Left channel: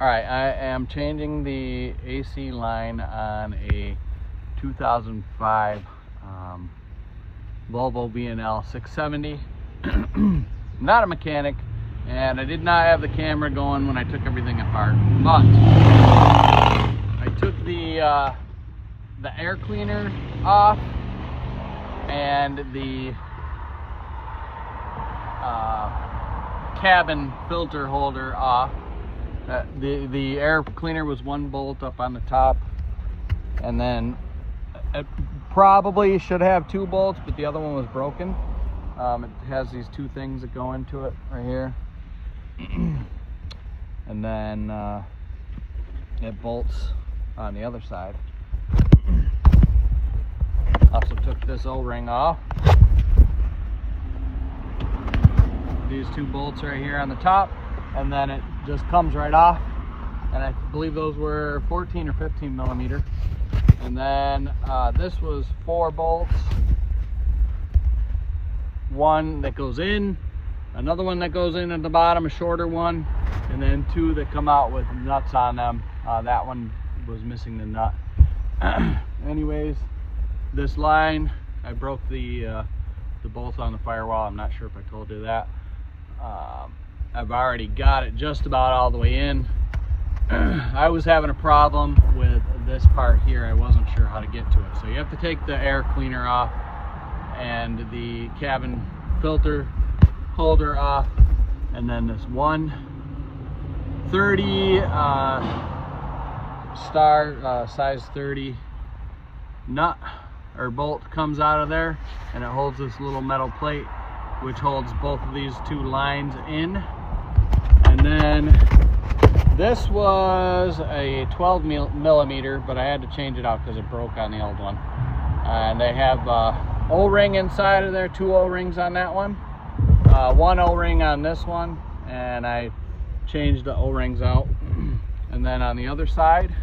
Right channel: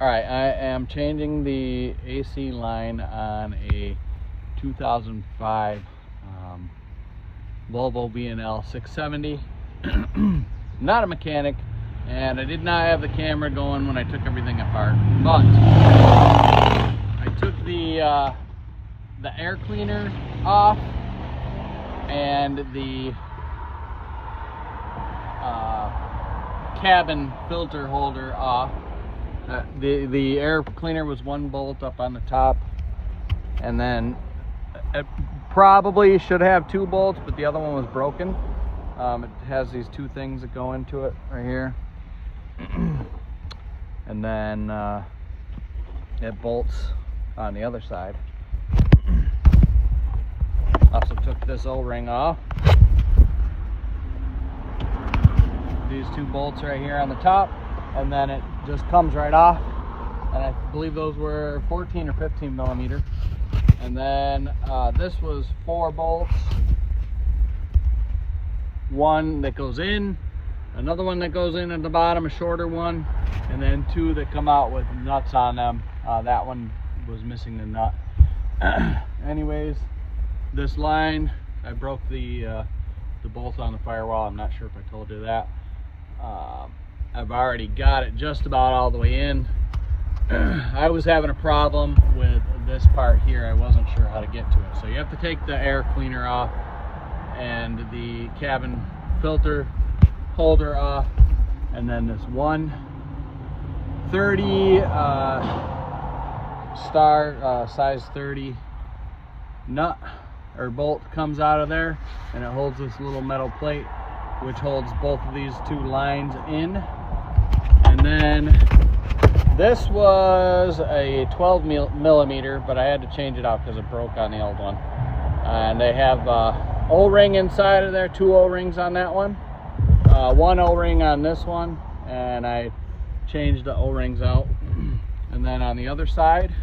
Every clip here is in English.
Alright, I am changing the AC line on a 2005 Volvo VNL 670. Not a mechanic, and I did not have the camera going when I took everything apart, but I took the air cleaner off and the cabin filter holder off. The air cleaner was one bolt up on the top, and then it probably should have two bolts, but the other one was broken. It has these two things that go into it right here, and then it bolts on the other side. Also took this O-ring off. These two bolts right here on the top, and then it just comes right off, and I believe those were 14 or 15 millimeter. And then this was 4 bolts, one that goes in, another one that goes in at the bottom, a shorter one, and then 2 that come out with nuts on them. That one was missing the nut. Anyways, this line, I broke the bolts on the firewall. I'm not sure if I told you that. I've already got it just about all the way in. I was having a problem with this part here. I wasn't sure how to get to it. So you have to take the air cleaner off and the cabin filter holder off, and then this 130 size 30 nut or bolt comes out of there, and it holds this little metal plate which holds both of these 2 lines in. And then this was a 12 millimeter, but I had to change it out because it broke on the old one. And they have O-ring inside of there, 2 O-rings on that one, 1 O-ring on this one, and I changed the O-rings out. And then on the other side,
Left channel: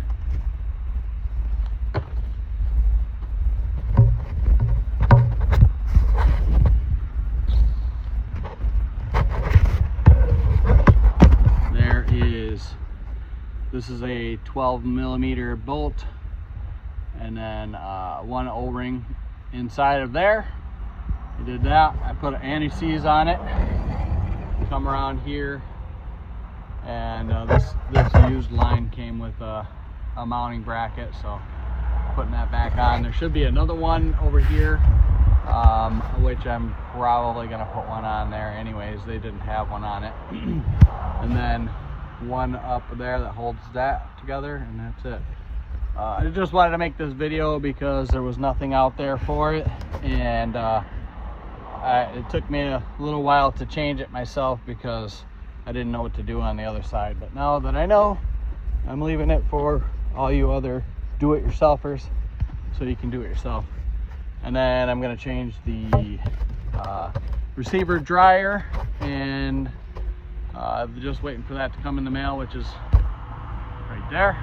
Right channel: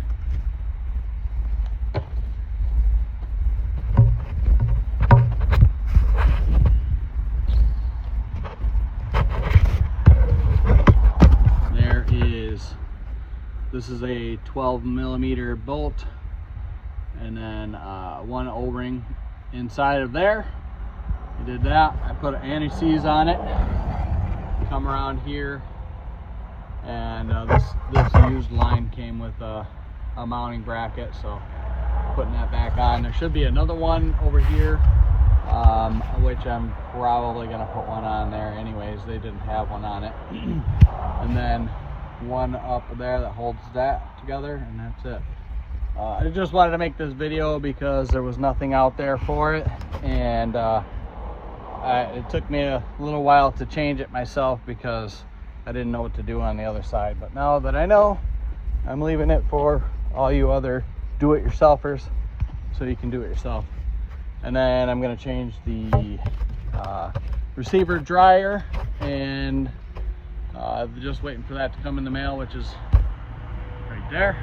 this is a 12 millimeter bolt, and then 1 O-ring inside of there. I did that. I put an anti-seize on it, come around here, and this used line came with a mounting bracket, so putting that back on. There should be another one over here, which I'm probably going to put one on there anyways. They didn't have one on it. And then one up there that holds that together, and that's it. I just wanted to make this video because there was nothing out there for it, and it took me a little while to change it myself because I didn't know what to do on the other side. But now that I know, I'm leaving it for all you other do-it-yourselfers so you can do it yourself. And then I'm going to change the receiver dryer, and just waiting for that to come in the mail, which is right there.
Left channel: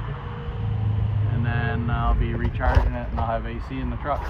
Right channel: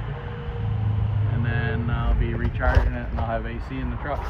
And then I'll be recharging it, and I'll have AC in the truck.